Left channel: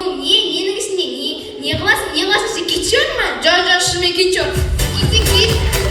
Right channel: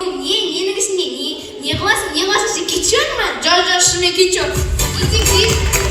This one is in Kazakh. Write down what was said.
Ненің ішінде не қыласың, не қыласың, сен кетші ма? Жо, шынымен кетші.